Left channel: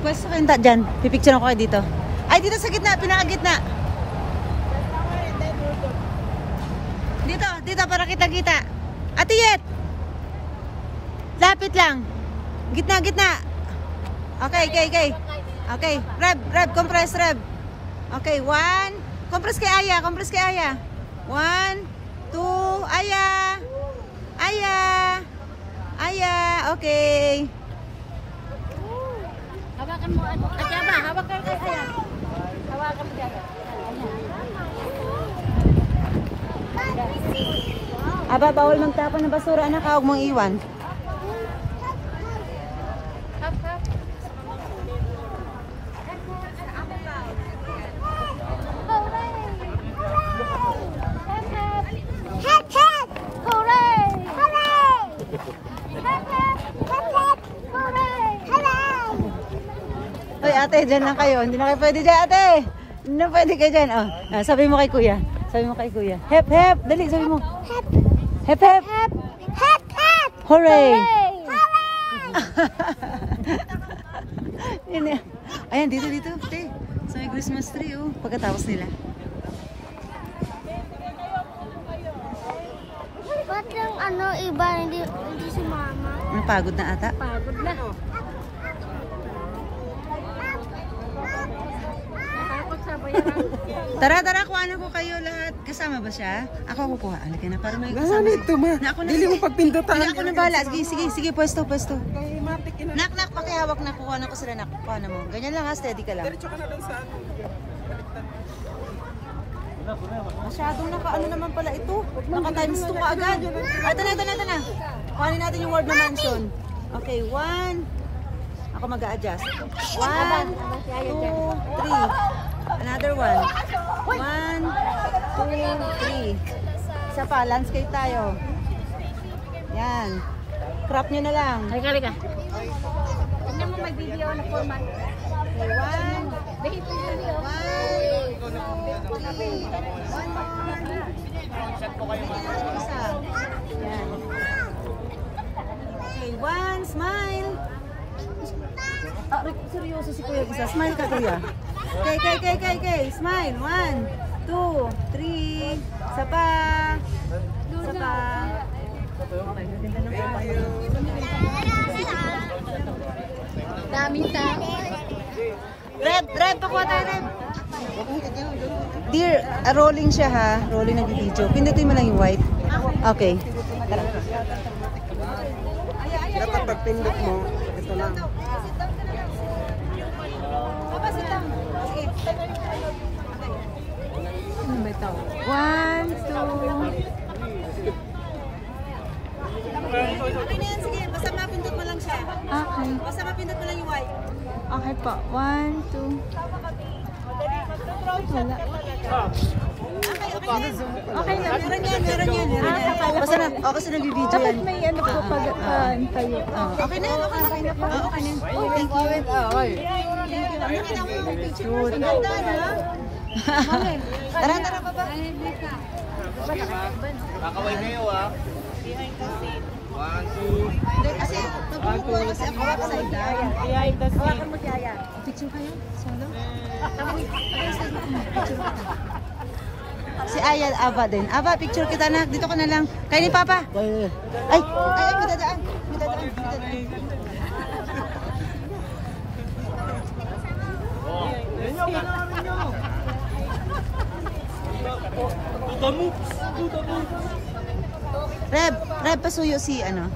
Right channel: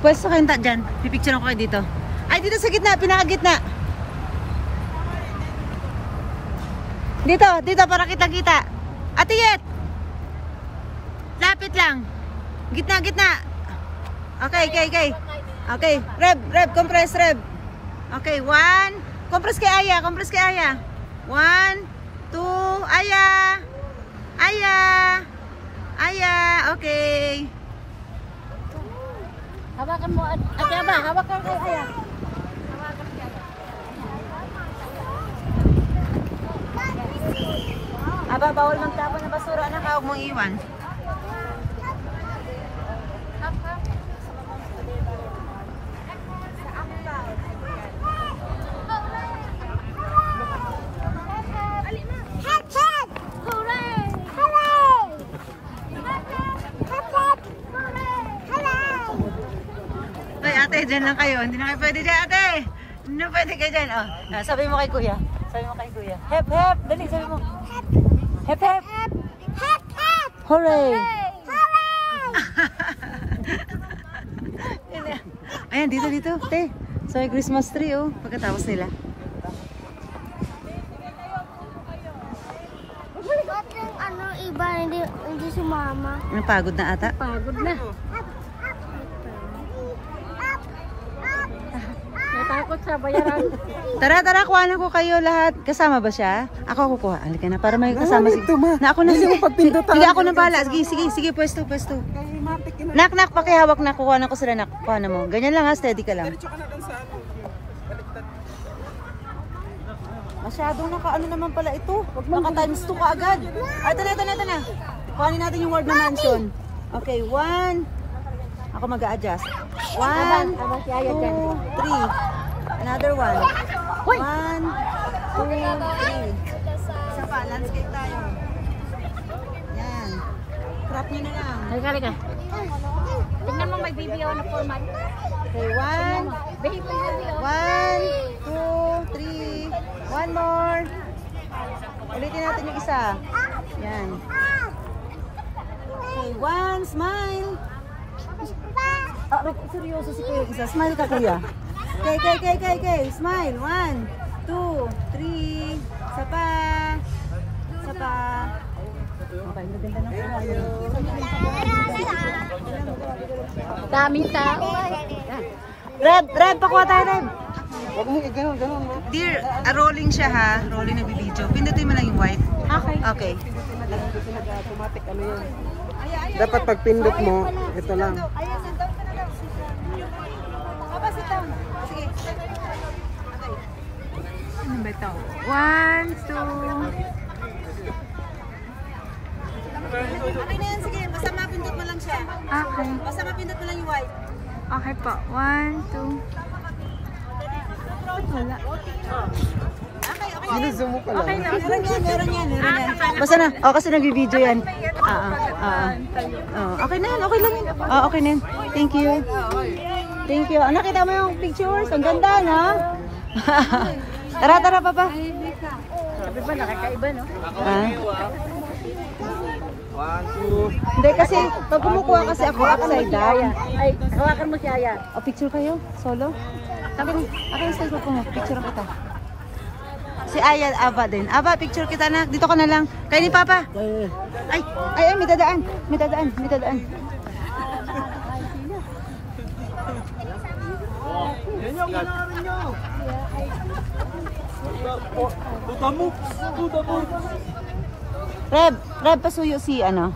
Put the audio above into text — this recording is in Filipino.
Pwesto kayo dyan. Pipicture ako kayo dito. Ay, dito sa gitna. Pinakagitna. Dito. Dito para kita-kita. Ate Yet. Lapit lang. Gitna, gitna. Okay, okay, okay. Okay. Reb. Compress, Reb. Okay, 1. Compress kay Aya. Compress kay Aya. 1, 2. Aya. Aya. Aya. Okay. Hawakan mo. Okay, Aba. Hawakan kay Aya. Hawakan kay. Aba, bawal magtapon ng basura. Anak, huwag mong iwan. Oy, ate, dyan lang kayo. Hindi na kayo pwede dyan, ate. Hindi na pwede kayo dyan. Oh, sabi mo kay kuya. Sabi mo kay kuya. Hep, hep. Dali, sabi mo. Hep. Hep, hep. Hep, hep. Hep. Hooray. Hooray. Ayan, dito, dito. Te. So, may Christmas tree, oh. Pagkatapos nila. Ba't yung ano, iba, hindi sumama? Napagod na ata. Pagod na. Tara, kuhanan ko kayo lahat. Kasama ba siya? Ako kukuha. Halika na para may kasama. Na ako na. Hindi ako na bala. Sige, pwesto. Nak, pakihawak na. Kukuha ko sila, nak. Kuha na mo. Ganyan lang ha, steady ka lang. Diretso ka na doon sa ano. Baliktad. Masyadong naka-ano naman pala ito. Naka times 2 ka agad. Ito na. Kuhanin natin yung word na mansion. Okay, 1. Ako mag-a-adjust. 1, 2, 3. Another 1. 1, 2, 3. Isa pa, landscape tayo. Yan. Crop nyo na lang. Halika. Tingnan mo may video na format. Okay, 1. Baby video. 1, 2, 3. One more. Ulitin natin yung isa. Yan. Okay, 1. Smile. Seryoso si kuya isa. Smile ka, kuya. Okay. Smile. 1, 2, 3. Isa pa. Okay, maganda na po. Daming tao. Red, pakuha tayo, Red. Dear, rolling siya ha. Rolling na video. Pindutin mo lang yung white. Okay. Dapat pagpindot mo, ito lang. Sit down. Sige. Okay. Ano ba ito? 1, 2. Okay na yan, sige. Basta mapindot mo lang siya. Okay. Basta mapindot mo lang yung white. Okay po. 1, 2. Ba't wala? Okay na. Okay na. Meron yan. Basta na. Oh, kasi nag-video yan. Okay na yan. Okay lang yan. Okay na yan. Thank you. Nakita mo yung pictures? Ang ganda, no? Tara, papa. Kakaway kayo ah. 1, 2. Hindi kasi, pag kumukuha kasi ako upside down. Hawakan mo siya yan. Picture kayo? Solo? Akin sa ko mo. Picture kita. Si Aya, Ava din. Ava, picture kita na. Dito ka na lang. Kaya ni Papa. Ay, may dadaan. Yan yung ganarin nyo. Tutamok. Reb, pasuyo si Ava.